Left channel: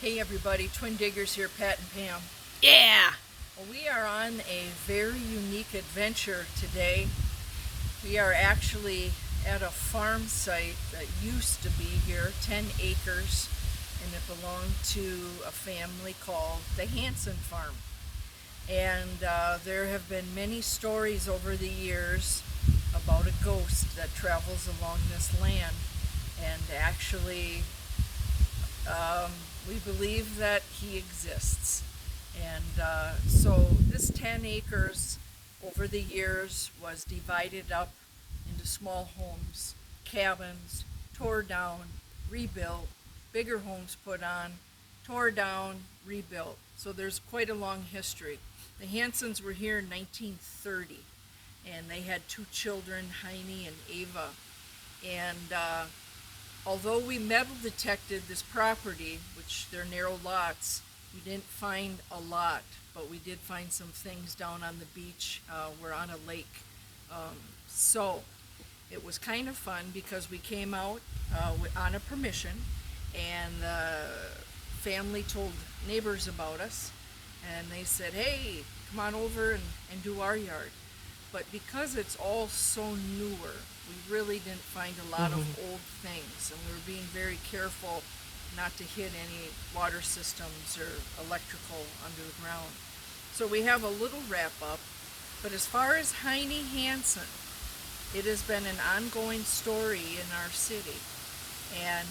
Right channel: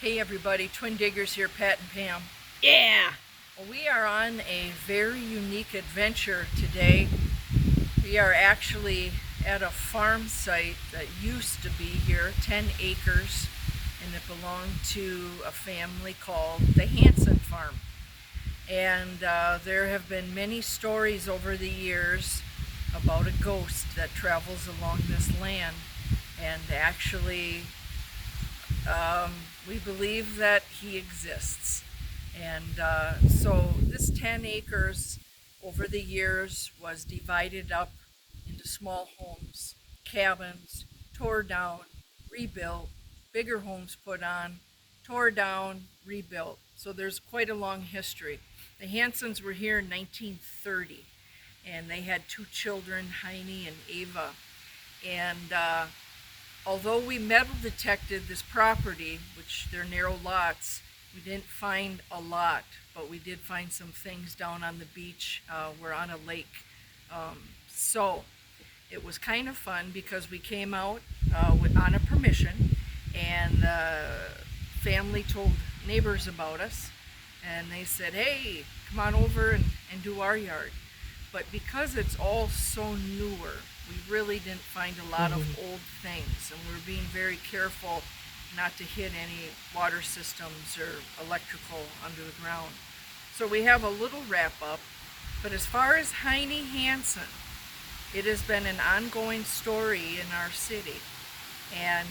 Hey everybody, Twin Diggers here, Pat and Pam. Yeah! Well, we are on a very unique adventure today. We are actually at a farm site that used to be here, 10 acres, and it belonged to a family called the Hanson farm. And there have been many stories over the years about a ghost that travels along this land. And actually, we believe that he exists. And so this 10 acres over the years was divided up into small homes, cabins, tore down, rebuilt, bigger homes put on, tore down, rebuilt. So there's quite a long history. The Hansons were here in 1930, and they had two children, Heiny and Ava. And although we metal detected this property, which they're narrow lots, we didn't find a lot, but we did find some things down on the beach. We're on a lake. So it was kind of fun because we came out on a permission, and the family told neighbors about us, and they said, hey, come on over and do our yard. But because it's all so newer, we really didn't find a lot of old things, and we're being very careful not to hit any water systems or electrical under the ground. So we have a little wrap up, but as far as Heiny Hanson, it has been an ongoing story in our city, and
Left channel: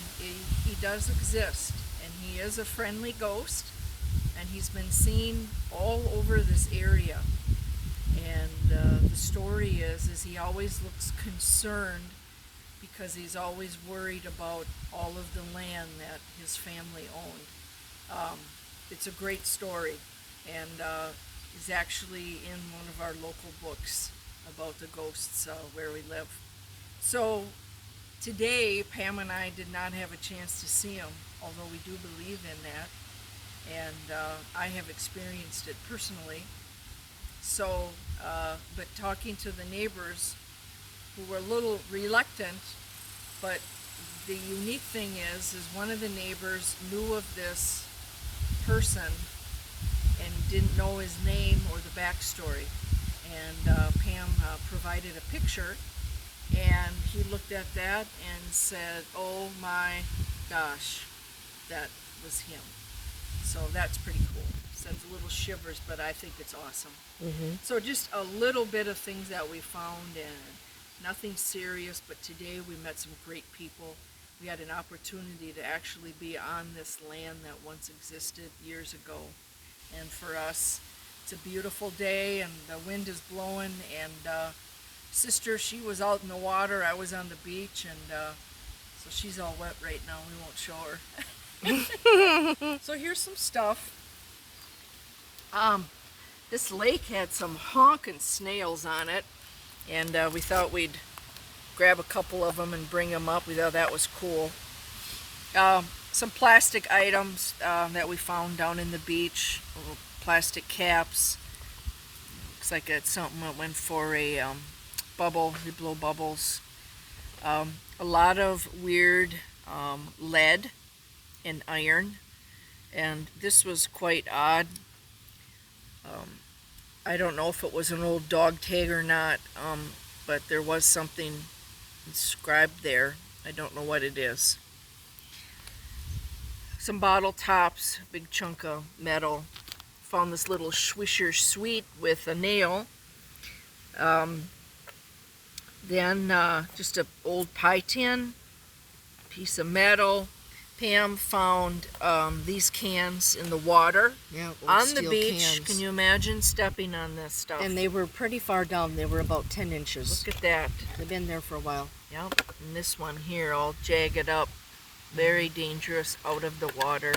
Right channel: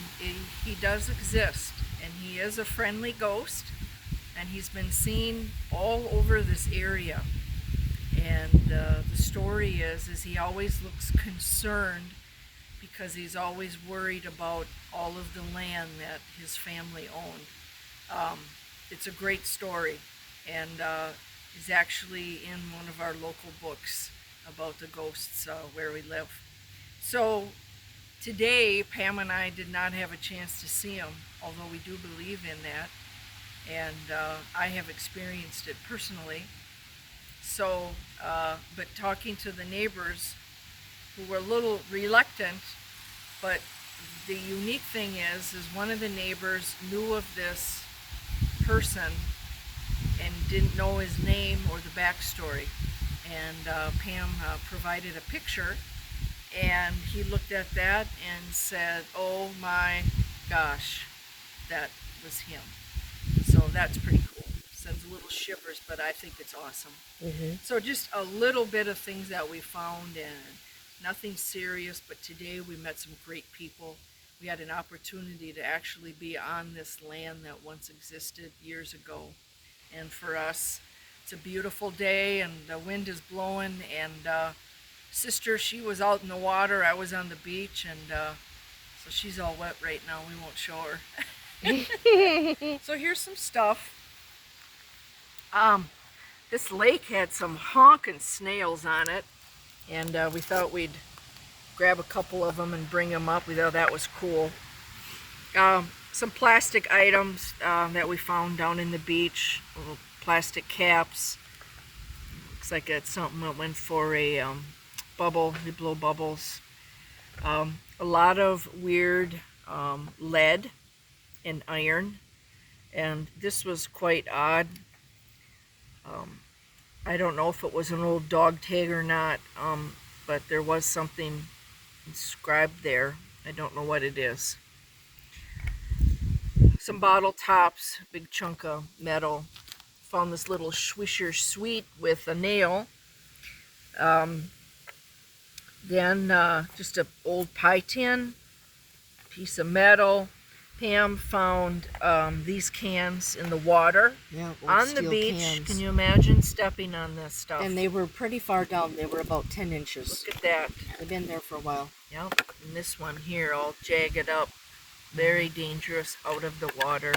he does exist, and he is a friendly ghost, and he's been seen all over this area. And the story is he always looks concerned because he's always worried about all of the land that his family owned. It's a great story, and is actually in one of our local books about the ghosts where we live. So today, Pam and I did not have a chance to see him, although we do believe in that, and I have experienced it personally. So, but talking to the neighbors who were a little reluctant, but the unique thing is one of the neighbors knew of this person and didn't know his name or the backstory. And Pam provided a picture, and he looked at that and said, oh my gosh, that was him. So that's pretty cool. Sends a little shivers, but I think it's awesome. So just a little bit of things that we found, and nothing serious, but today we met some great people. We had an opportunity to actually be on this land that once existed years ago, and for us it's a beautiful day, and the wind is blowing, and sister, she was out in the water, I was on the beach, and so she's all wet right now. We won't show her. So here's some stuff. This lake had some honking snails on it, and we thought we'd grab a couple of them and bring them up. We thought that was cool. Some plastic items that we found down in the beach, little plastic caps. Looks like it's something that went for a bubble. We blow bubbles. A lot of weird lead and iron, and this was quite odd. I don't know if it was an old dog tag or not, but there was something inscribed there. I don't know what it is. Some bottle tops, big chunk of metal. Found this little Swisher Sweet with a nail. Then just an old pie tin, piece of metal. Pam found these cans in the water, on the beach. Cans. Can you imagine stepping on this stuff? And they were pretty far down. They were about 10 inches. Look at that. They've been there for a while. Yep. And this one here, all jagged up. Very dangerous out of the water.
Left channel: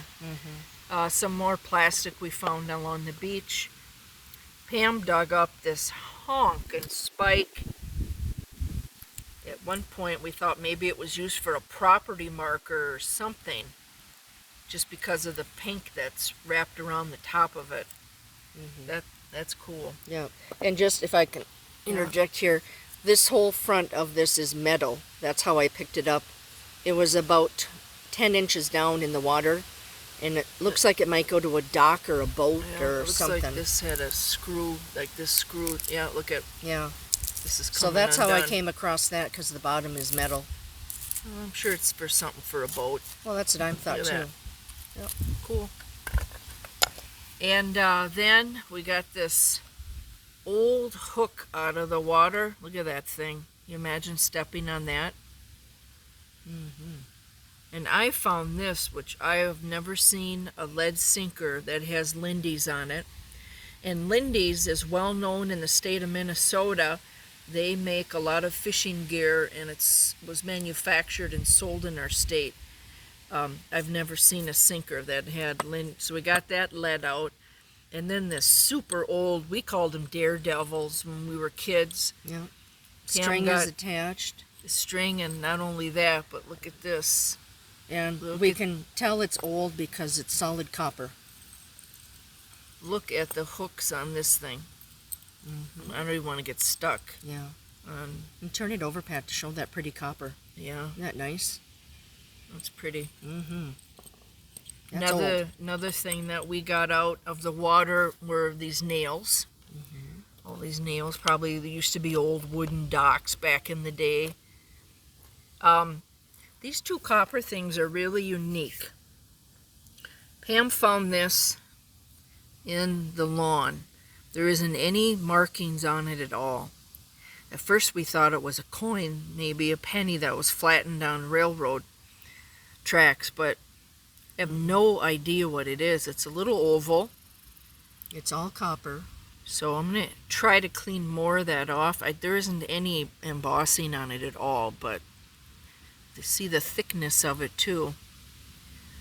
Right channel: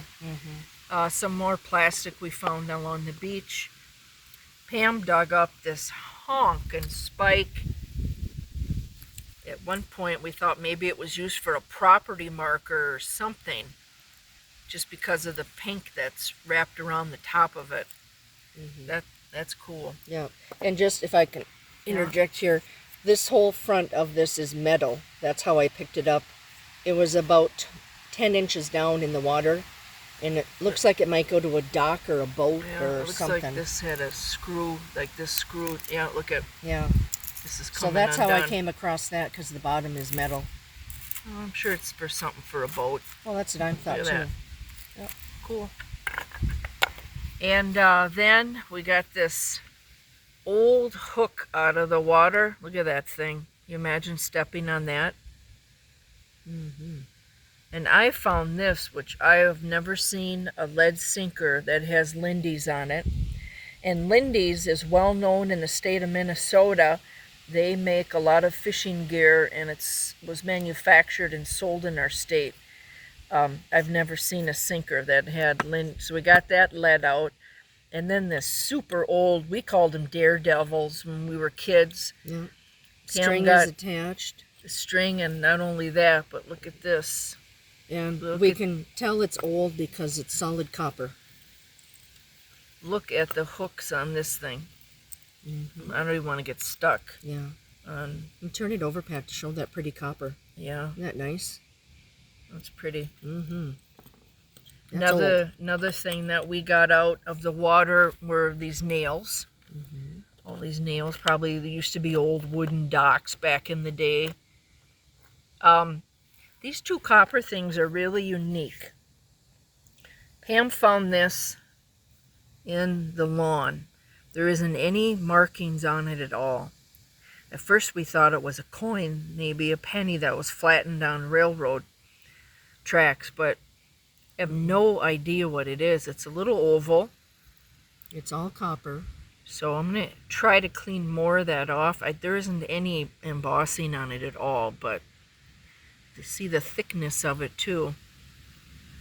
Some more plastic we found along the beach. Pam dug up this honk and spike. At one point we thought maybe it was used for a property marker or something, just because of the pink that's wrapped around the top of it. That's cool. Yeah, and just if I can interject here, this whole front of this is metal. That's how I picked it up. It was about 10 inches down in the water, And it looks like it might go to a dock or a boat Yeah, or it looks something. like this had a screw, like this screw. Yeah, look at, Yeah. this is So coming that's how I undone. came across that, because the bottom is metal. Oh, I'm sure it's for something for a boat. Well, that's what I thought Look too. at that. Cool. And then we got this old hook out of the water. Look at that thing. You imagine stepping on that? Mm-hmm. And I found this, which I have never seen, a lead sinker that has Lindy's on it. And Lindy's is well known in the state of Minnesota. They make a lot of fishing gear, and it was manufactured and sold in our state. I've never seen a sinker that had Lindy. So we got that lead out. And then this super old, we called them daredevils when we were kids. Yeah. Pam String got is attached. the string, and not only that, but look at this. And Look we at- can tell it's old because it's solid copper. Look at the hooks on this thing. Mm-hmm. I don't even want to get stuck Yeah. on, And turn it over, Pat, to show that pretty copper. yeah, Isn't that nice? that's pretty. Mm-hmm. That's old. Another thing that we got out of the water were these nails. Mm-hmm. All these nails, probably there used to be old wooden docks back in the day. These two copper things are really unique. Pam found this in the lawn. There isn't any markings on it at all. At first we thought it was a coin, maybe a penny that was flattened on railroad tracks, but I have no idea what it is. It's a little oval, It's all copper. so I'm going to try to clean more of that off. There isn't any embossing on it at all, but to see the thickness of it too.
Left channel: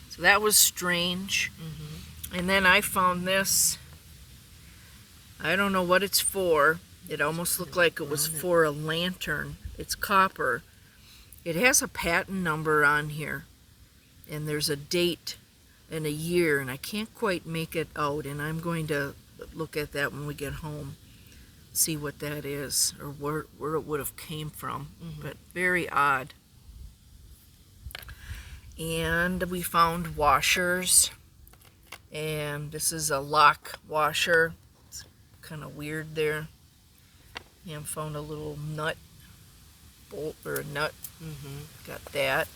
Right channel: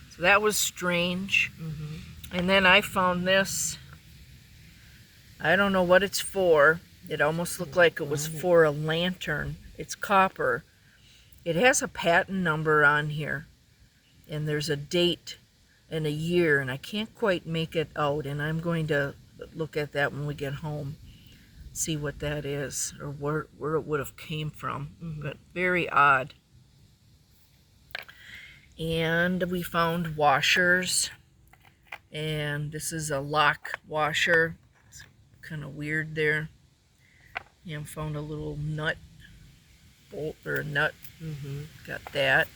So that was strange. Mm-hmm. And then I found this. I don't know what it's for. It almost looked like it was for a lantern. It's copper. It has a patent number on here. And there's a date and a year, and I can't quite make it out. And I'm going to look at that when we get home. See what that is, or where it would have came from. Mm-hmm. But very odd. And we found washers. And this is a lock washer. It's kind of weird there. And found a little nut bolt or a nut. Mm-hmm. Got that.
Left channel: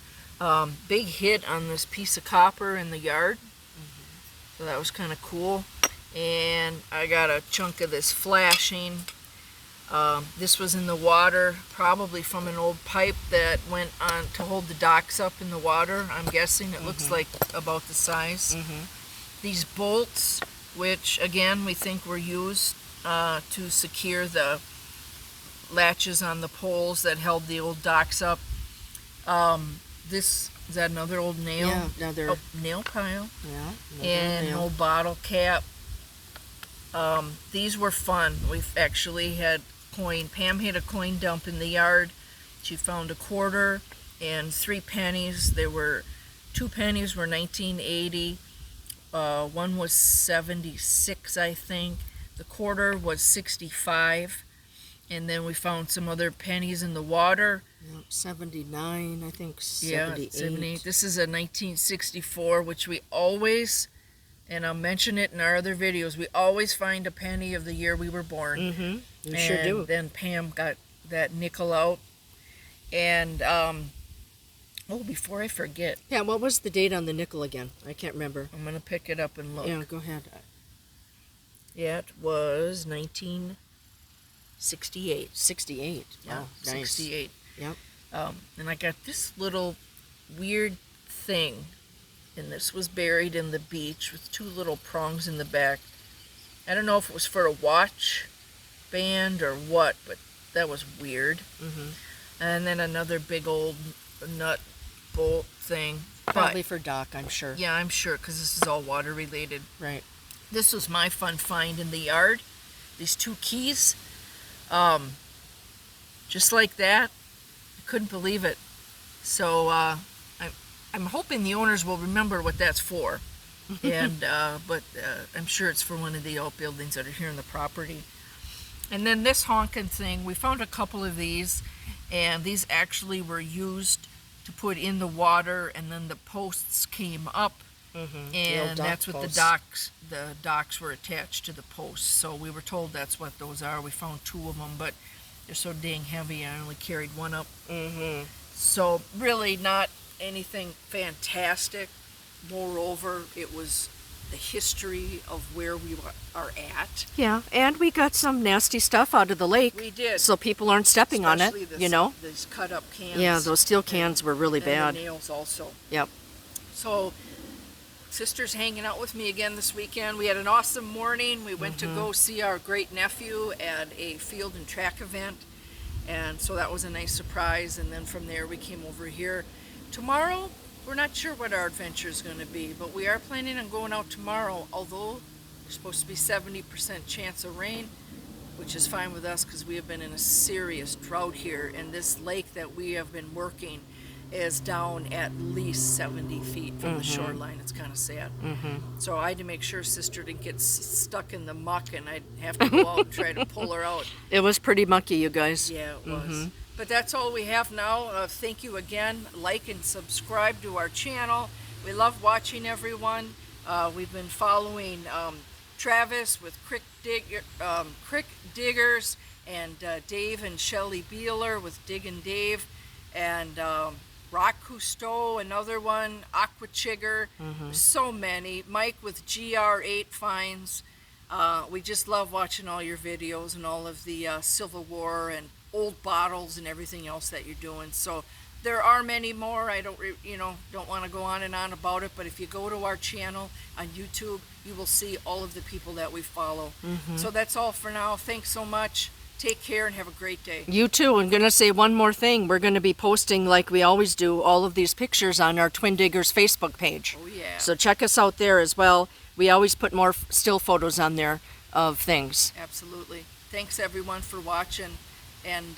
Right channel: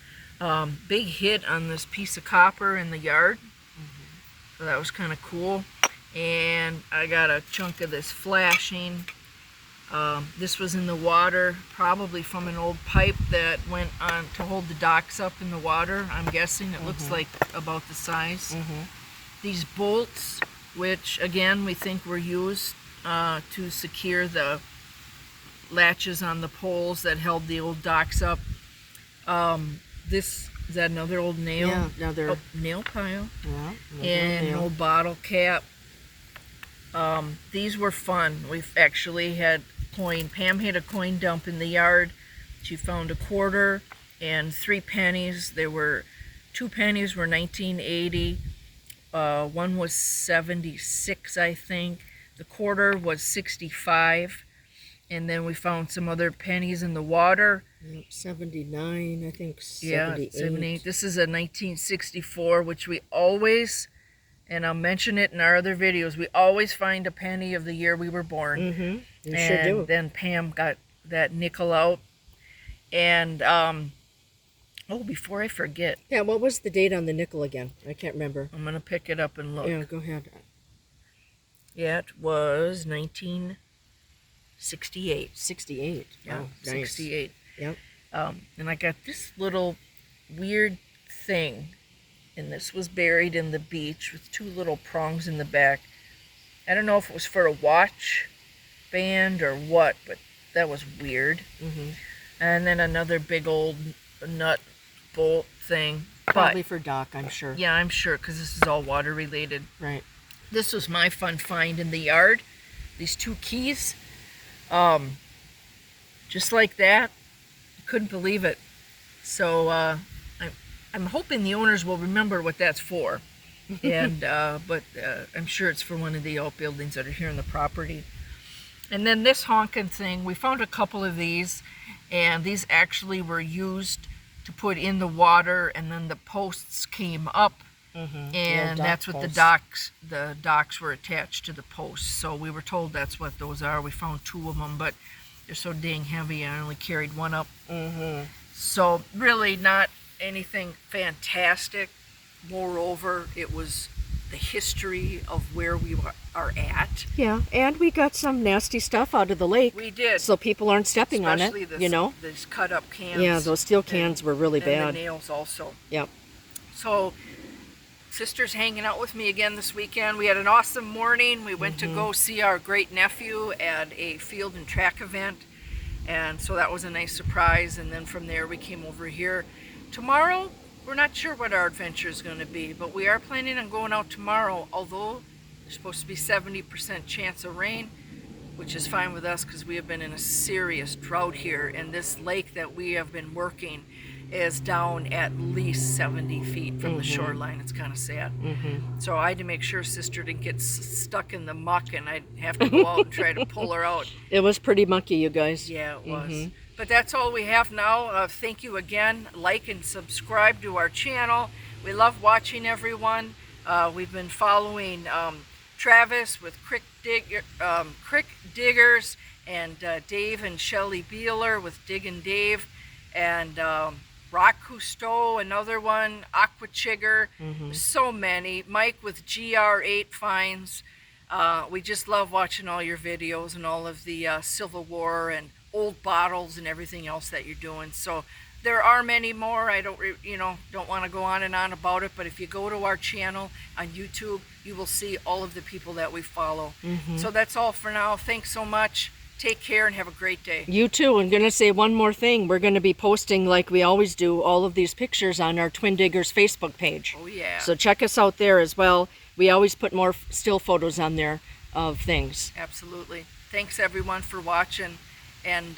Big hit on this piece of copper in the yard. Mm-hmm. So that was kind of cool. And I got a chunk of this flashing. This was in the water, probably from an old pipe that went on to hold the docks up in the water. I'm guessing it looks like about the size. Mm-hmm. These bolts, which again we think were used to secure the latches on the poles that held the old docks up. This is that another old nail? Yeah, another. Nail pile. Yeah. And an nail. old bottle cap. These were fun. We've actually had coin. Pam had a coin dump in the yard. She found a quarter and 3 pennies. There were 2 pennies were 1980. One was 76, I think. The quarter was 65. And then we found some other pennies in the water. 79, I think. 78. Yeah, 78. This is a 1964, which we always, and I'll mention it in our other videos, we always find a penny of the year we were born. Mm-hmm. You And sure do. then Pam got that nickel out. And, before I forget, Yeah, what was the date on the nickel again? I can't remember. I'm going to pick it up and look. Yeah, go ahead. It was 1968. 68. Yeah, Oh, nice. 68. Yep. And I got this little weird thing, and this was buried in the beach with 2 little prongs in the back. I don't know if it was for a watch band or what, but that was weird. Mm-hmm. And then another big old nut bolt thing. Probably But for Doc, I'm sure. yeah, I'm sure, because this is all water related. Right. This was my fun find in the yard. These 2 keys. Just like that. I couldn't believe it. So I'm hoping the owners will remember what that's for. And but I'm sure it's for one of the outbuildings that are here on the property. And then this honkin' thing, we found a couple of these, and these actually were used to put in the water, and then the posts came up And that's what the docks were attached to the posts. So we were told that's what those are. We found 2 of them, but they're so dang heavy, I only carried 1 up. So really not anything fantastic. Moreover, it was the history of where we are at. Yeah, and we got some nasty stuff out of the lake. We did. So people aren't stepping on it, Especially you know? these cut up cans. Yeah, those steel cans were really and bad. the nails also. Yep. So sister's hanging out with me again this weekend. We had an awesome morning. We went to go see our great nephew at a field and track event. And so that was a nice surprise. And then from there we came over here. Tomorrow, we're not sure what our adventure is going to be, but we are planning on going out tomorrow, although there's supposed to be 70% chance of rain, which is fine with us because we have been in a serious drought here. And this lake that we have been working is down at least 70 feet from the shoreline. It's kind of sad. So I had to make sure sister didn't get stuck in the muck, and I'd have to go out and try to pull her out. It was pretty mucky, you guys. Yeah, it was. But that's all we have now. Thank you again. Like and subscribe to our channel. We love watching everyone. We've been following Travis with Crick Diggers, and Dave and Shelly Beeler with Diggin' Dave, and Rock Cousteau, another one, Aqua Chigger, so many. Mike with GR8 Finds. We just love watching all your videos and all of the Civil War and old bottles and everything else that you're doing. So there are many more. I don't want to go on and on about it, but if you go to our channel on YouTube, you will see all of the people that we follow. So that's all for now. Thanks so much. Take care and have a great day. You too. I'm going to say one more thing. We're going to be posting, like we always do, all of these pictures on our Twin Diggers Facebook page. Oh, yeah. So check us out there as well. We always put more still photos on there of things. Absolutely. Thanks, everyone, for watching. And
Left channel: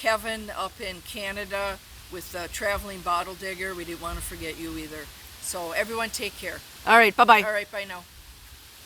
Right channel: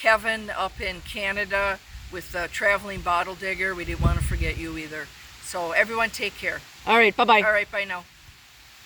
Kevin up in Canada with the Traveling Bottle Digger, we didn't want to forget you either. So everyone take care. All right. Bye-bye. All right, bye now.